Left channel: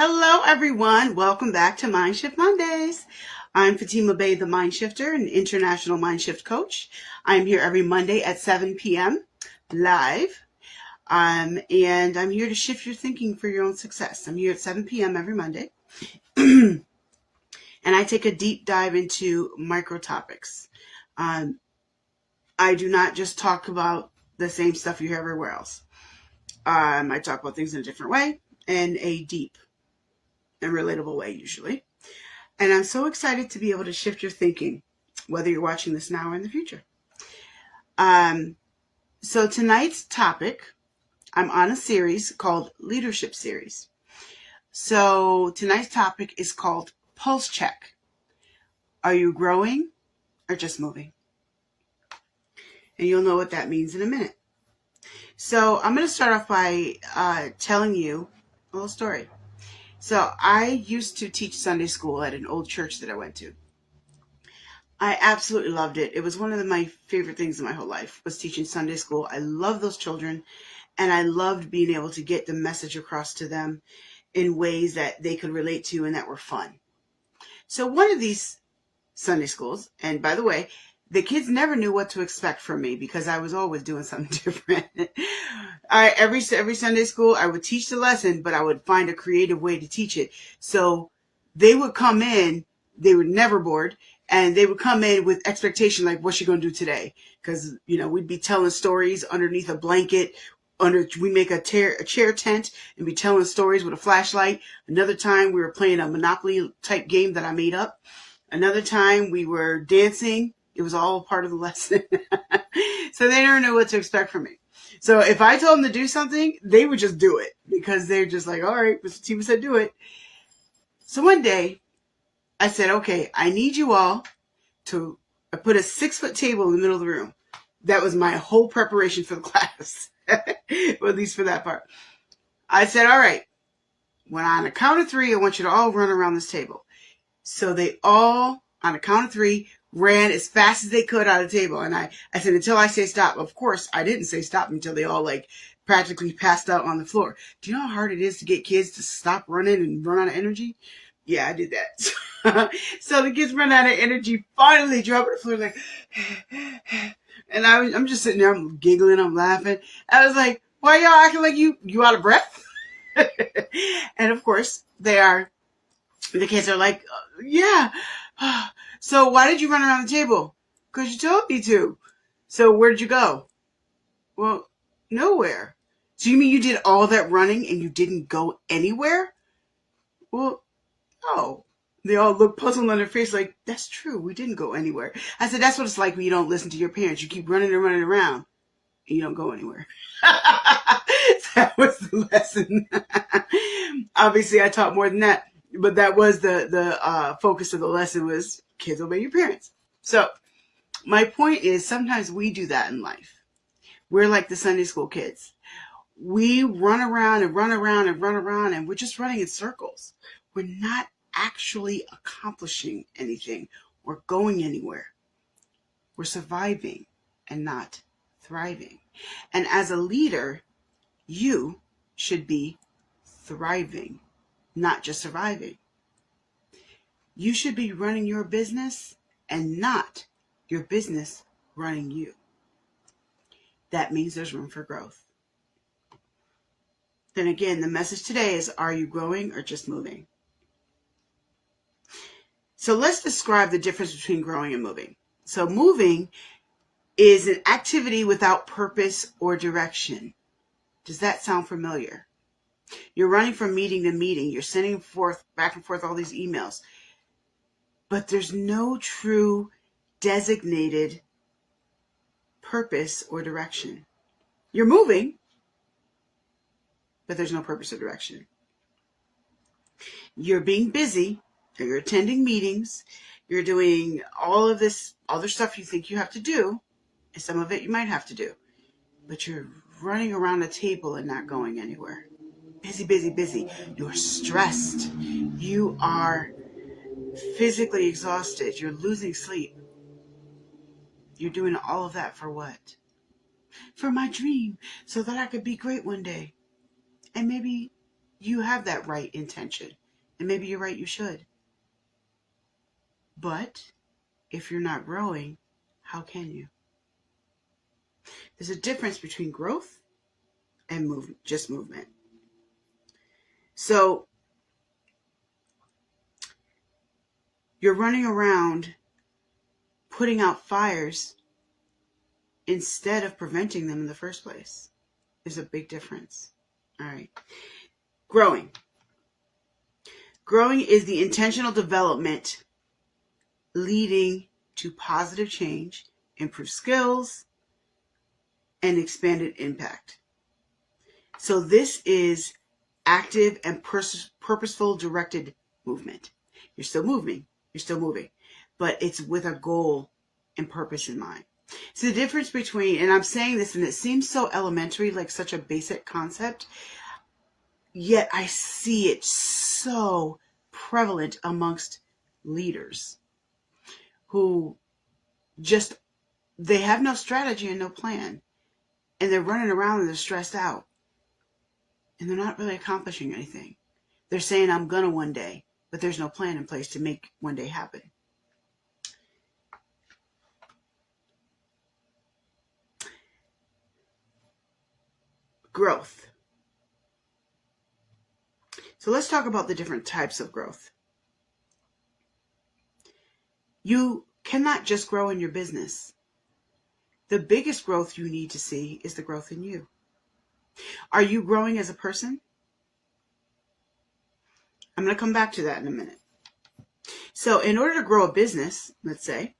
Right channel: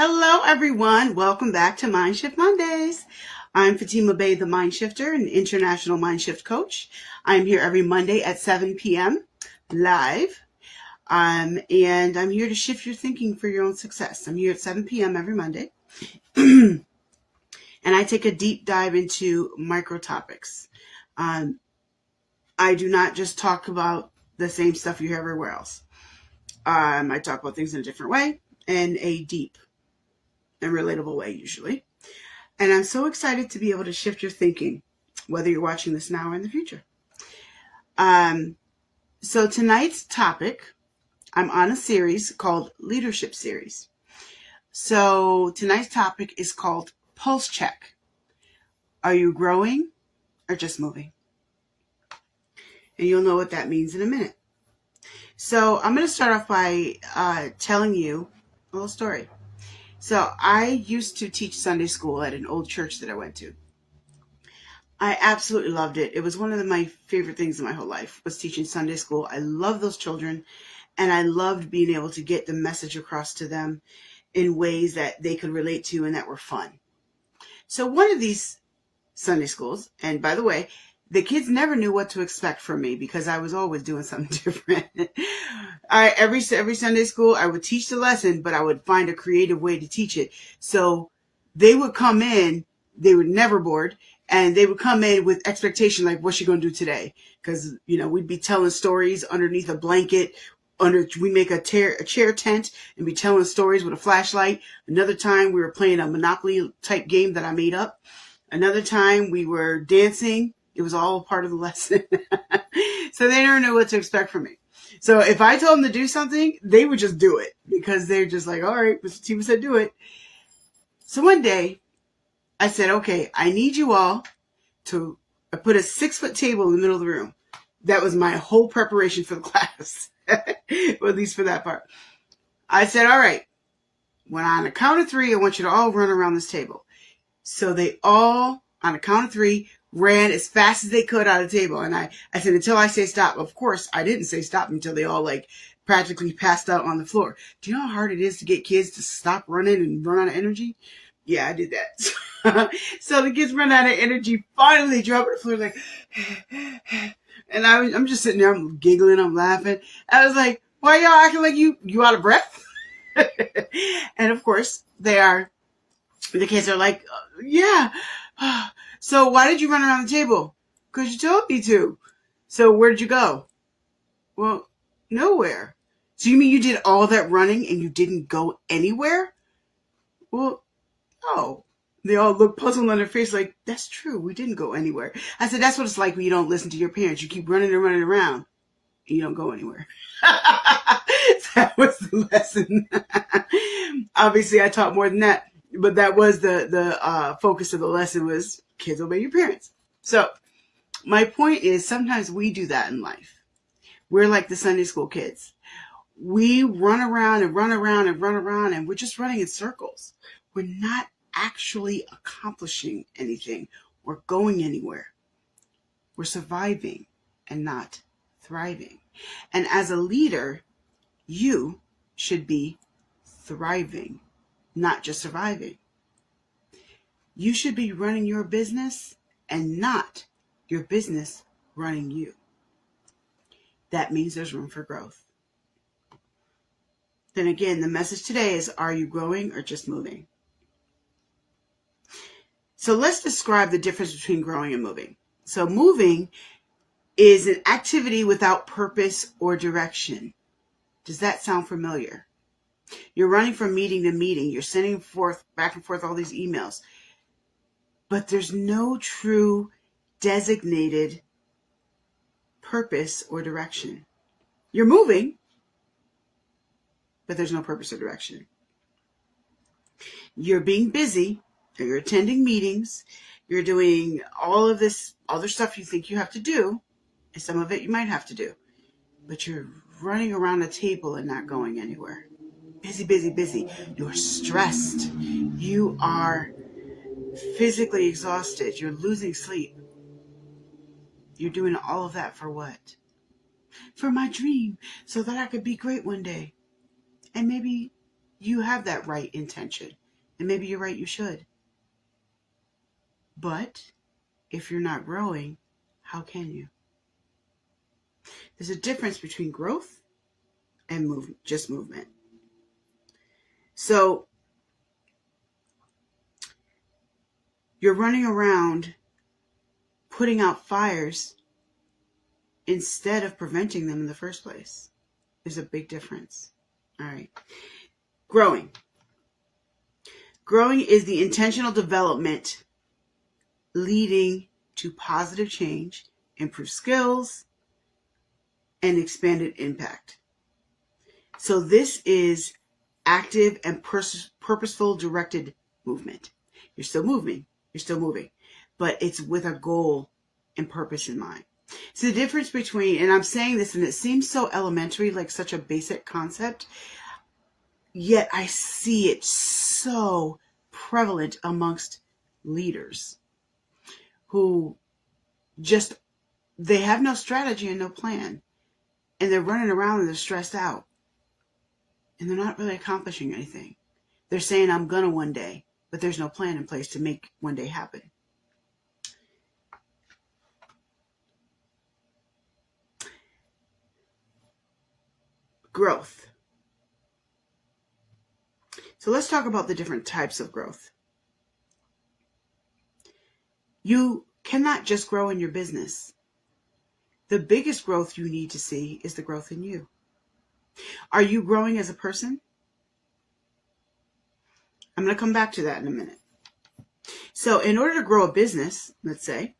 Hello, everyone. Welcome back to MindShift Mondays. I'm Fatima Bay, the Mindshifter, an international Mindshift coach. I'm here every Monday at 7 p.m. live. And I'm here to shift your thinking for your own success. I'm here at 7 p.m. every Monday. And I take a deep dive into micro topics. I do not just talk about the same stuff you hear everywhere else. I talk about things in a different way, in a deep and relatable way usually. And I'm so excited to be able to shift your thinking, whether you're watching this now or in the future. So tonight's topic, I'm on a series called Leadership Series. So tonight's topic is called Pulse Check. Are you growing or just moving? And you'll know what that means in a minute. So I'm going to start off by telling you a little story. So I used to teach Sunday school at an old church that I went to. I absolutely loved it. It was one of my favorite things in my whole life, was teaching Sunday school. I love those children, and I loved being able to get the message across to them in ways that they could relate to and that were fun. So one of these Sunday schools, and by the way, the kids never knew what to expect from me because I was always doing something different. Every Sunday school, I would teach the lesson, but I would find a creative way to teach it. So they would come in, they were never bored, and they would come in with expectation, like, what's she going to do today? Because, we'd be telling stories underneath a blanket. We make a chair tent and be telling stories with a flashlight. Another time we were playing a Monopoly type game that I made up. Another time we were dancing. It was all part of the lesson. So they never knew what to expect from me. So if I told them to do something, they would just do it because they're just like, all right, Mr. Fatima said do it. So one day I said, okay, I need you all to put a 6-foot table in the middle of the room. That was my whole preparation for the class, or at least for that part. I said, all right, when on a count of 3, I want you to all run around this table. So they all, on a count of 3, ran as fast as they could out of the table. And I said, until I say stop. Of course, I didn't say stop until they all practically passed out on the floor. Do you know how hard it is to get kids to stop running and run out of energy? Yeah, I did that. So the kids run out of energy, finally drop on the floor like, and I'm just sitting there, I'm giggling, I'm laughing. I was like, why y'all acting like you out of breath? And of course, the kids are like, yeah. So why did you run around the table? Because you told me to. So where did you go? Well, nowhere. So you mean you did all that running and you didn't go anywhere? Well, no. They all look puzzled on their face like, that's true, we didn't go anywhere. I said, that's what it's like when you don't listen to your parents. You keep running and running around and you don't go anywhere. That was the lesson. Obviously, I taught more than that. But that was the focus of the lesson, was kids obey your parents. So my point is, sometimes we do that in life. We're like the Sunday school kids. We run around and run around and run around, and we're just running in circles. We're not actually accomplishing anything or going anywhere. We're surviving and not thriving. And as a leader, you should be thriving, not just surviving. You should be running your business and not your business running you. That means there's room for growth. And again, the message today is, are you growing or just moving? So let's describe the difference between growing and moving. So moving is an activity without purpose or direction. Does that sound familiar? You're running from meeting to meeting. You're sending back and forth all these emails. But there's no true designated purpose or direction. You're moving, but there's no purpose or direction. You're being busy, or you're attending meetings, you're doing all of this other stuff you think you have to do, and some of it you might have to do, but you're running around a table and not going anywhere. Busy, busy, busy. You're stressed. You are physically exhausted. You're losing sleep. You're doing all of that for what? For my dream, so that I could be great one day. And maybe you have that right intention. And maybe you're right, you should. But if you're not growing, how can you? There's a difference between growth and just movement. So you're running around putting out fires instead of preventing them in the first place. There's a big difference. All right. Growing. Growing is the intentional development leading to positive change, improved skills, and expanded impact. So this is active and purposeful directed movement. You're still moving, but it's with a goal and purpose in mind. So the difference between, and I'm saying this and it seems so elementary, like such a basic concept, yet I see it so prevalent amongst leaders who just, they have no strategy and no plan. And they're running around and they're stressed out. And they're not really accomplishing anything. They're saying, I'm gonna one day, but there's no plan in place to make one day happen. Growth. So let's talk about the different types of growth. You cannot just grow in your business. The biggest growth you need to see is the growth in you. Are you growing as a person? I'm going to come back to that in a minute. So in order to grow a business, let's say,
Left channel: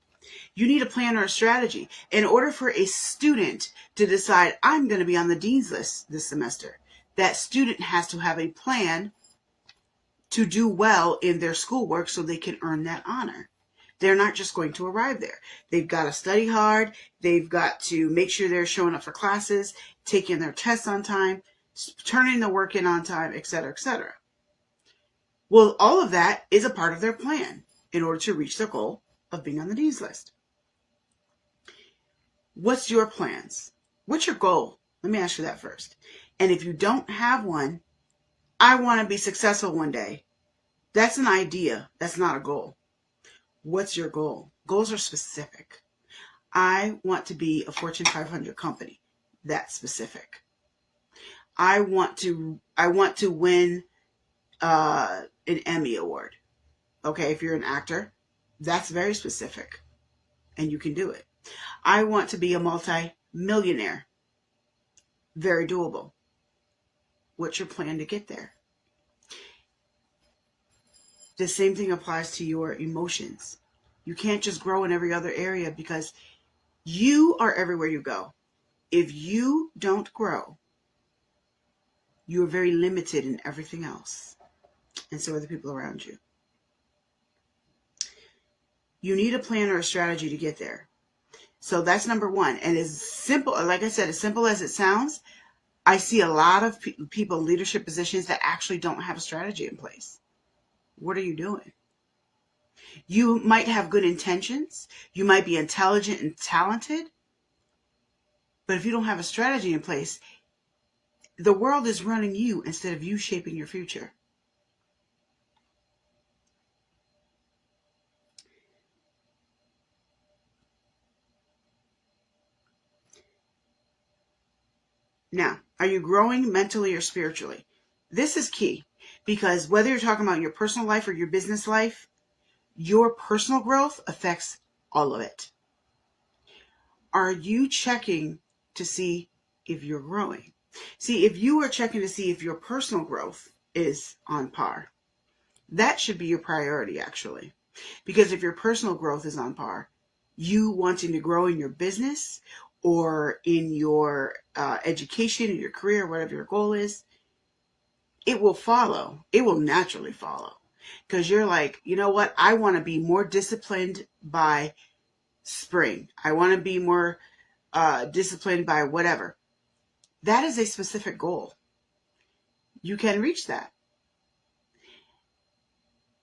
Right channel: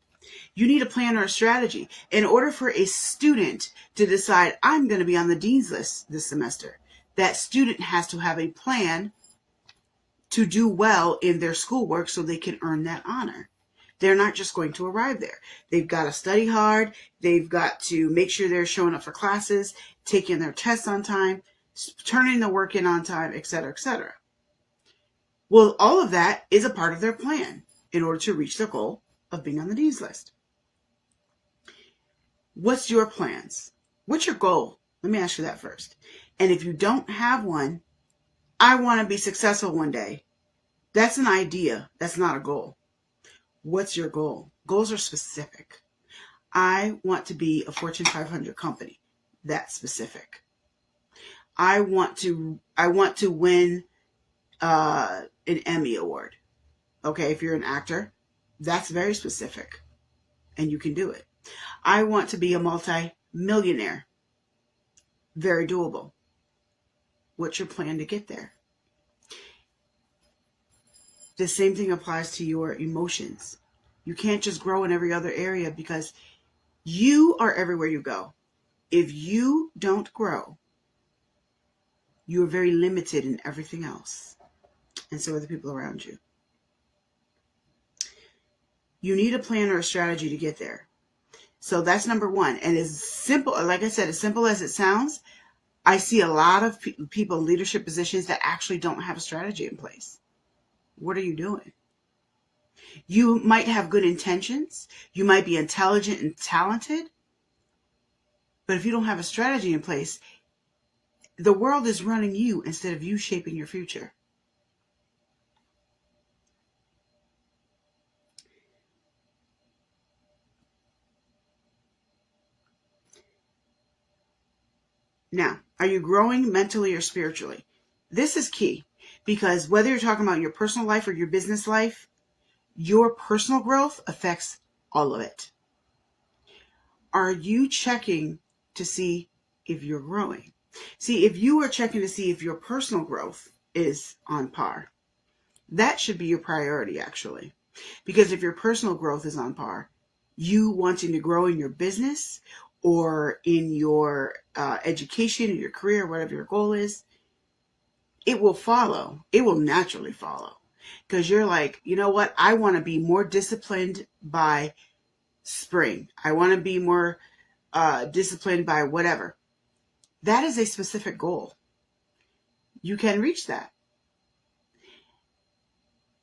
you need a plan or a strategy. In order for a student to decide, I'm going to be on the dean's list this semester, that student has to have a plan to do well in their schoolwork so they can earn that honor. They're not just going to arrive there. They've got to study hard. They've got to make sure they're showing up for classes, taking their tests on time, turning the work in on time, etc., etc. Well, all of that is a part of their plan in order to reach their goal of being on the dean's list. What's your plans? What's your goal? Let me ask you that first. And if you don't have one, I want to be successful one day. That's an idea. That's not a goal. What's your goal? Goals are specific. I want to be a Fortune 500 company. That's specific. I want to win an Emmy award. Okay, if you're an actor, that's very specific, and you can do it. I want to be a multi-millionaire. Very doable. What's your plan to get there? The same thing applies to your emotions. You can't just grow in every other area because you are everywhere you go. If you don't grow, you are very limited in everything else. And so are the people around you. You need a plan or a strategy to get there. So that's number one. And as simple, like I said, as simple as it sounds, I see a lot of people in leadership positions that actually don't have a strategy in place. What are you doing? You might have good intentions. You might be intelligent and talented. But if you don't have a strategy in place, the world is running you instead of you shaping your future. Now, are you growing mentally or spiritually? This is key because whether you're talking about your personal life or your business life, your personal growth affects all of it. Are you checking to see if you're growing? See, if you are checking to see if your personal growth is on par, that should be your priority, actually. Because if your personal growth is on par, you wanting to grow in your business or in your education, in your career, whatever your goal is, it will follow. It will naturally follow. Because you're like, you know what? I want to be more disciplined by spring. I want to be more disciplined by whatever. That is a specific goal. You can reach that.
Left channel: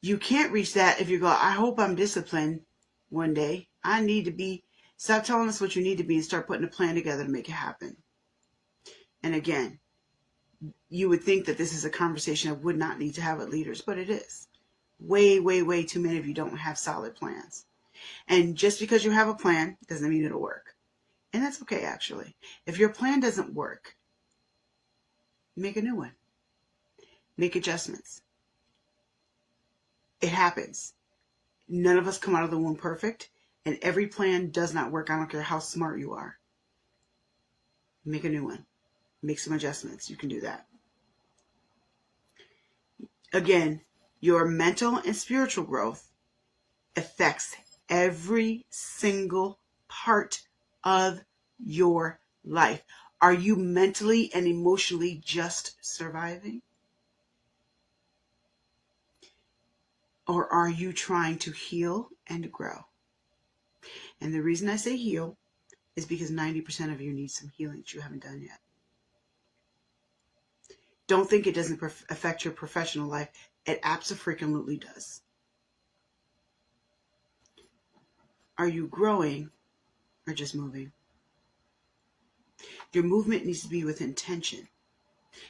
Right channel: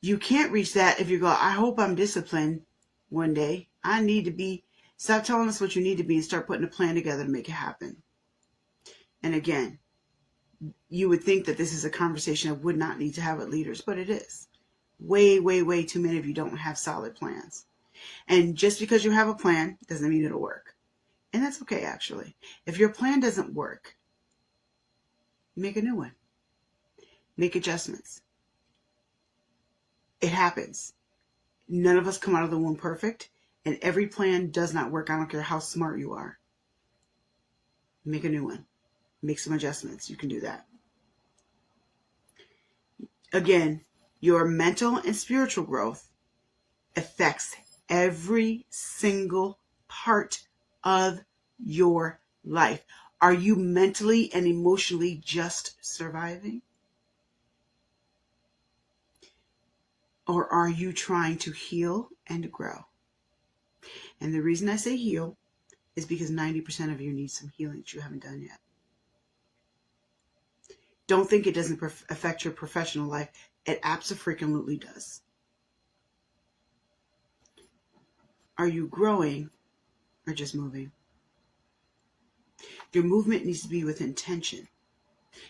You can't reach that if you go, I hope I'm disciplined one day. I need to be. Stop telling us what you need to be and start putting a plan together to make it happen. And again, You would think that this is a conversation I would not need to have with leaders, but it is. Way, way, way too many of you don't have solid plans. And just because you have a plan doesn't mean it'll work. And that's okay, actually. If your plan doesn't work, make a new one. Make adjustments. It happens. None of us come out of the womb perfect, and every plan does not work. I don't care how smart you are. Make a new one. Make some adjustments. You can do that. Again, your mental and spiritual growth affects every single part of your life. Are you mentally and emotionally just surviving? Or are you trying to heal and grow? And the reason I say heal is because 90% of you need some healing that you haven't done yet. Don't think it doesn't affect your professional life. It absolutely does. Are you growing or just moving? Your movement needs to be with intention.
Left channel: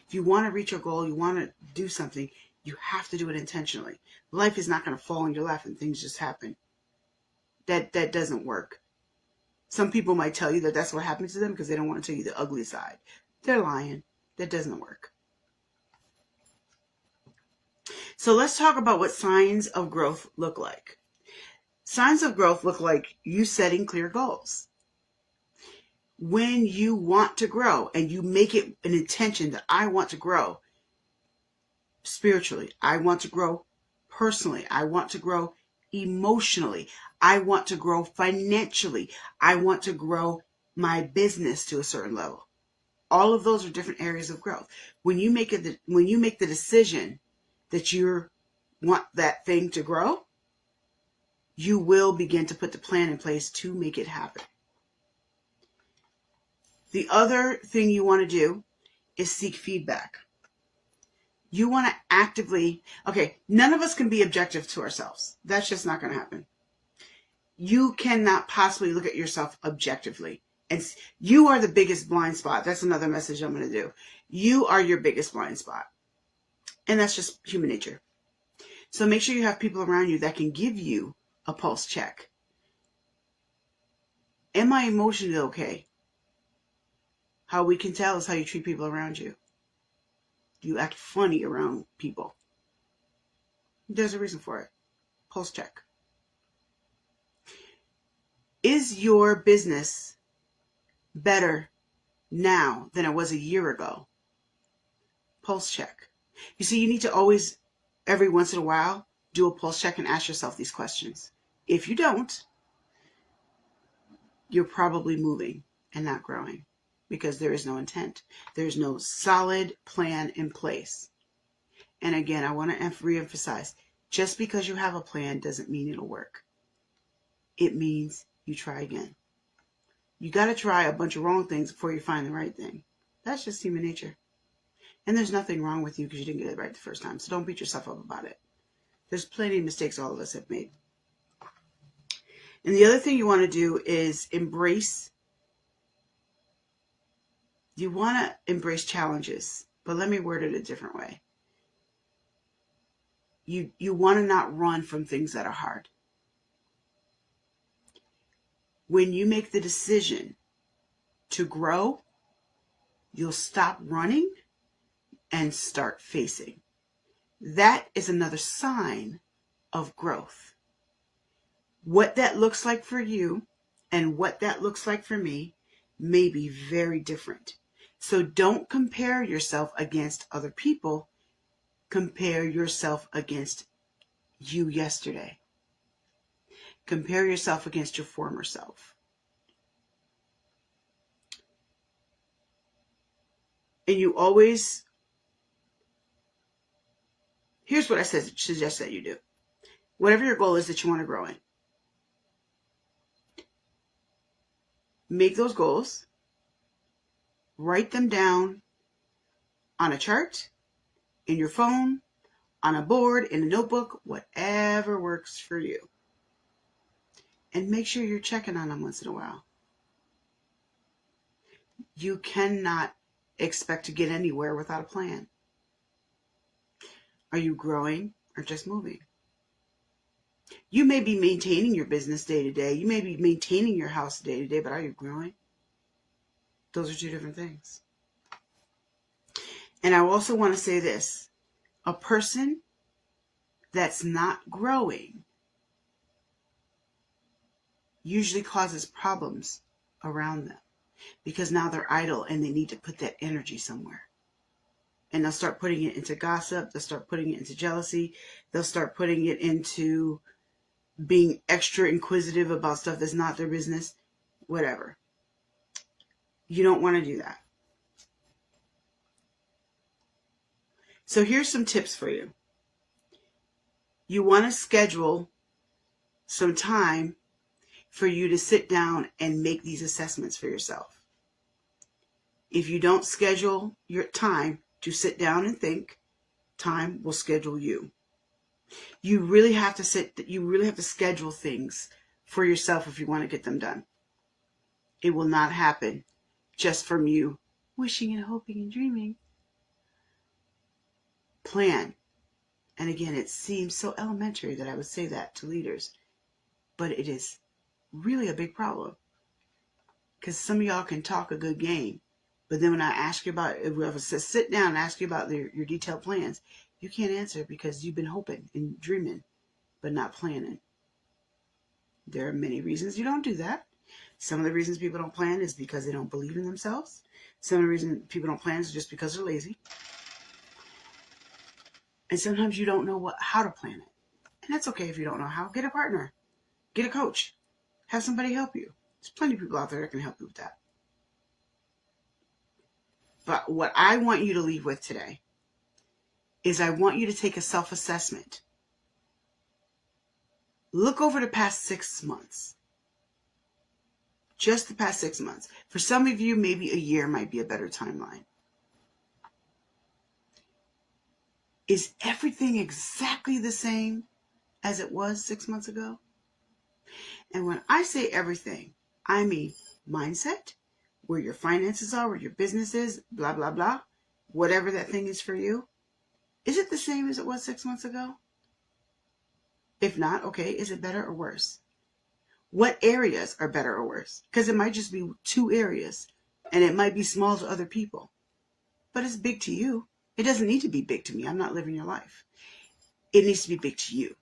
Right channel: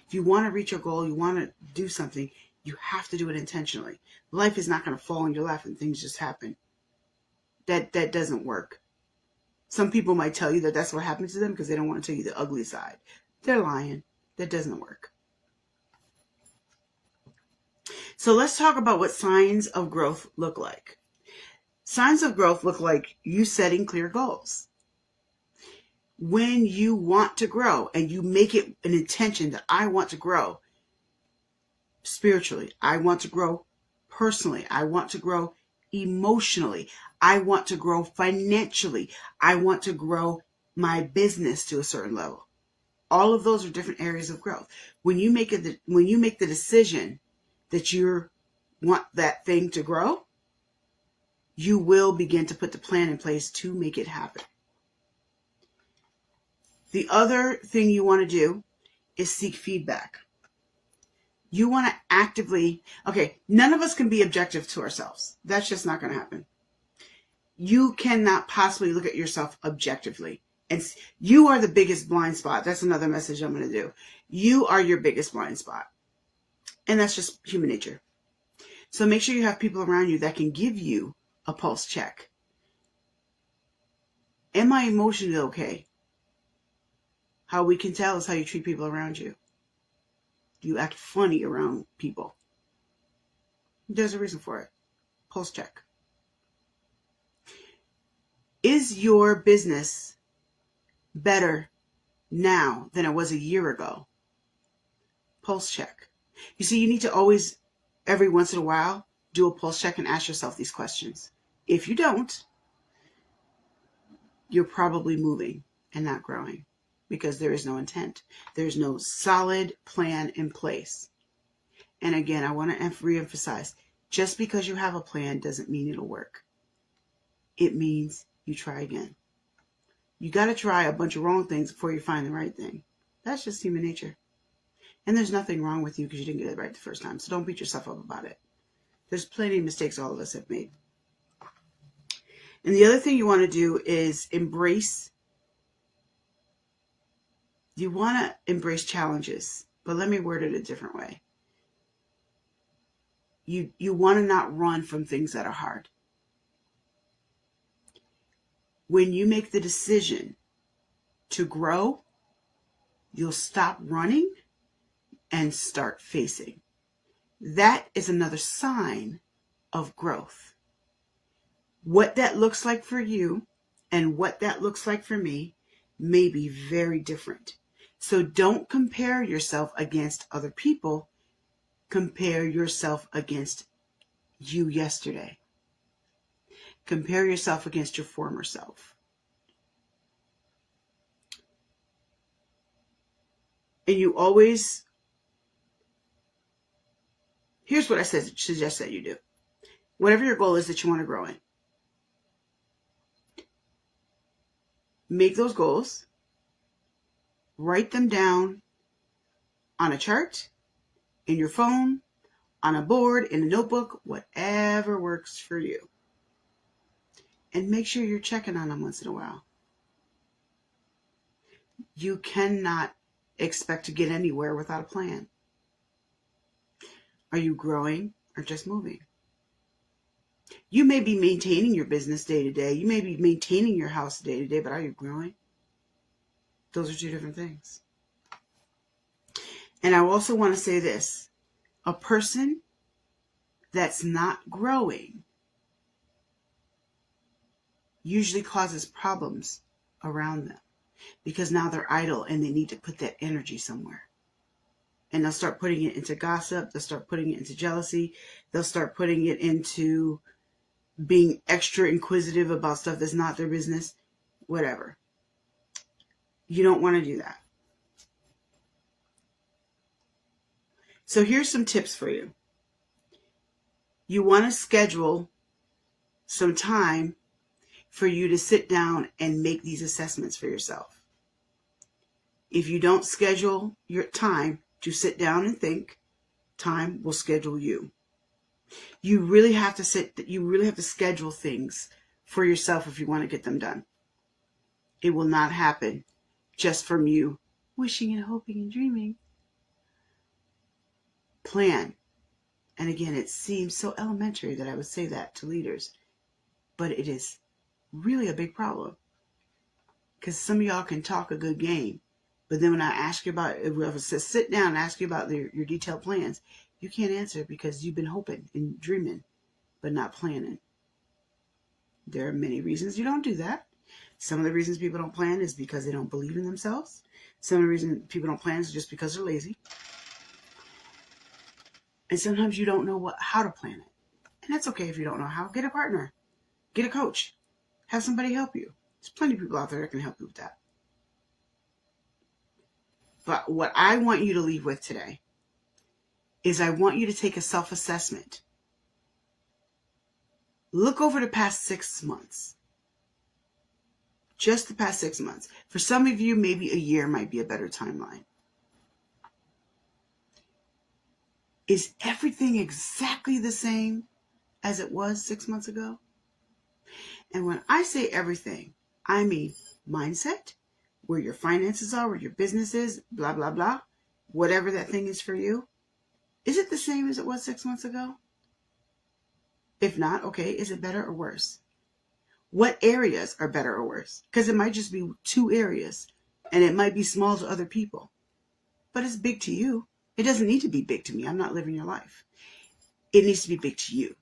If you want to reach your goal, you want to do something, you have to do it intentionally. Life is not going to fall in your lap and things just happen. That doesn't work. Some people might tell you that that's what happened to them because they don't want to tell you the ugly side. They're lying. That doesn't work. So let's talk about what signs of growth look like. Signs of growth look like you setting clear goals. When you want to grow and you make it an intention that I want to grow spiritually, I want to grow personally, I want to grow emotionally, I want to grow financially, I want to grow my business to a certain level. All of those are different areas of growth. When you make the decision that you want that thing to grow, you will begin to put the plan in place to make it happen. The other thing you want to do is seek feedback. You want to actively, none of us can be objective to ourselves. That's just not going to happen. You cannot possibly look at yourself objectively. And you are the biggest blind spot. That's another message I'm going to do. You are your biggest blind spot. And that's just human nature. So make sure you have people around you that can give you a pulse check. Am I emotionally okay? How we can tell is how you treat people around you. You act funny around people. There's a reason for it. Pulse check. Is your business better now than it was a year ago? Pulse check. You see, you need to always, every once in a while, do a pulse check and ask yourself these questions. If you don't, you're probably moving and not growing because there is no intent. There's no solid plan in place. And again, I want to reemphasize, just because you have a plan doesn't mean it'll work. It means you try again. You got to try a bunch of wrong things before you find the right thing. That's just human nature. And there's nothing wrong with you because you didn't get it right the first time. So don't beat yourself up about it. There's plenty of mistakes all of us have made. And the other thing you want to do is embrace. You want to embrace challenges, but let me word it a different way. You want to not run from things that are hard. When you make the decision to grow, you'll stop running and start facing. That is another sign of growth. What that looks like for you and what that looks like for me may be very different. So don't compare yourself against other people. Compare yourself against you yesterday. Compare yourself against your former self. And you always, here's what I suggest that you do. Whatever your goal is that you want to grow in, make those goals, write them down on a chart, in your phone, on a board, in a notebook, whatever works for you. And make sure you're checking on them once in a while. You cannot expect to get anywhere without a plan. Are you growing or just moving? You may be maintaining your business day to day. You may be maintaining your house day to day, but are you growing? Those are two different things. And I also want to say this. A person that's not growing usually causes problems around them because now they're idle and they need to put that energy somewhere. And they'll start putting it into gossip. They'll start putting it into jealousy. They'll start putting it into being extra inquisitive about stuff that's not their business. Whatever. You don't want to do that. So here's some tips for you. You want to schedule some time for you to sit down and make these assessments for yourself. If you don't schedule your time to sit down and think, time will schedule you. You really have to schedule things for yourself if you want to get them done. It will not happen just from you wishing and hoping and dreaming. Plan. And again, it seems so elementary that I would say that to leaders, but it is really a big problem. Because some of y'all can talk a good game, but then when I ask you about, if we ever sit down and ask you about your detailed plans, you can't answer because you've been hoping and dreaming, but not planning. There are many reasons you don't do that. Some of the reasons people don't plan is because they don't believe in themselves. Some of the reasons people don't plan is just because they're lazy. And sometimes you don't know how to plan it. And that's okay if you don't know how. Get a partner. Get a coach. Have somebody help you. There's plenty of people out there that can help you with that. But what I want you to leave with today is I want you to take a self-assessment. Look over the past 6 months. Just the past 6 months. For some of you, maybe a year might be a better timeline. Is everything exactly the same as it was 6 months ago? And when I say everything, I mean mindset, where your finances are, where your business is, blah, blah, blah. Whatever that thing is for you. Is it the same as it was 6 months ago? If not, okay, is it better or worse? What areas are better or worse? Because it might just be 2 areas, and it might be small to other people. But it's big to you. It doesn't need to be big to me. I'm not living your life. It needs to be big to you.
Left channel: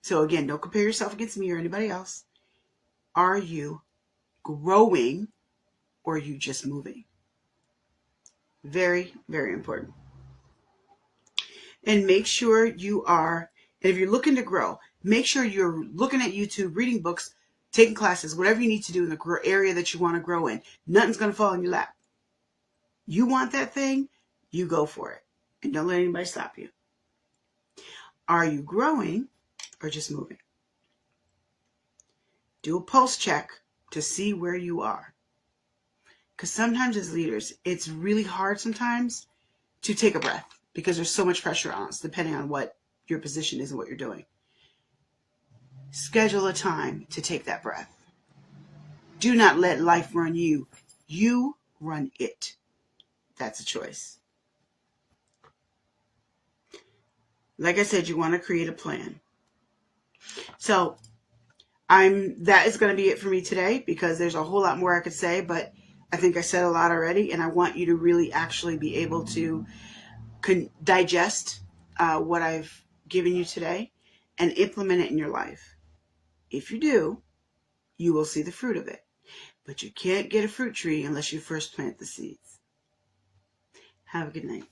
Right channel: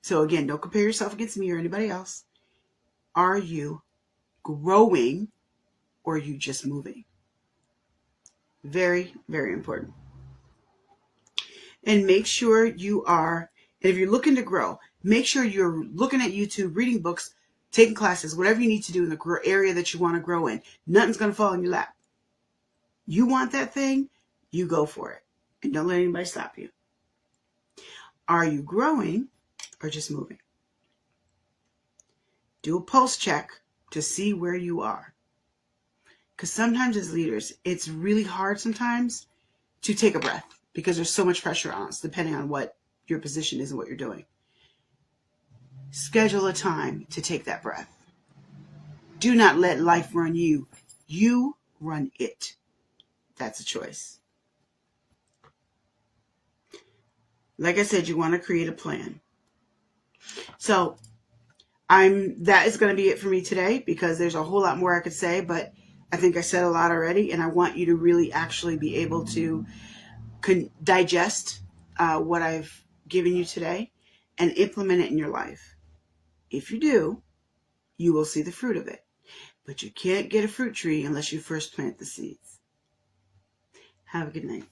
So again, don't compare yourself against me or anybody else. Are you growing or are you just moving? Very, very important. And make sure you are, and if you're looking to grow, make sure you're looking at YouTube, reading books, taking classes, whatever you need to do in the area that you want to grow in. Nothing's going to fall in your lap. You want that thing? You go for it. And don't let anybody stop you. Are you growing or just moving? Do a pulse check to see where you are. Because sometimes as leaders, it's really hard sometimes to take a breath because there's so much pressure on us depending on what your position is and what you're doing. Schedule a time to take that breath. Do not let life run you. You run it. That's a choice. Like I said, you want to create a plan. So that is going to be it for me today because there's a whole lot more I could say, but I think I said a lot already, and I want you to really actually be able to digest what I've given you today and implement it in your life. If you do, you will see the fruit of it. But you can't get a fruit tree unless you first plant the seeds. Have a good night.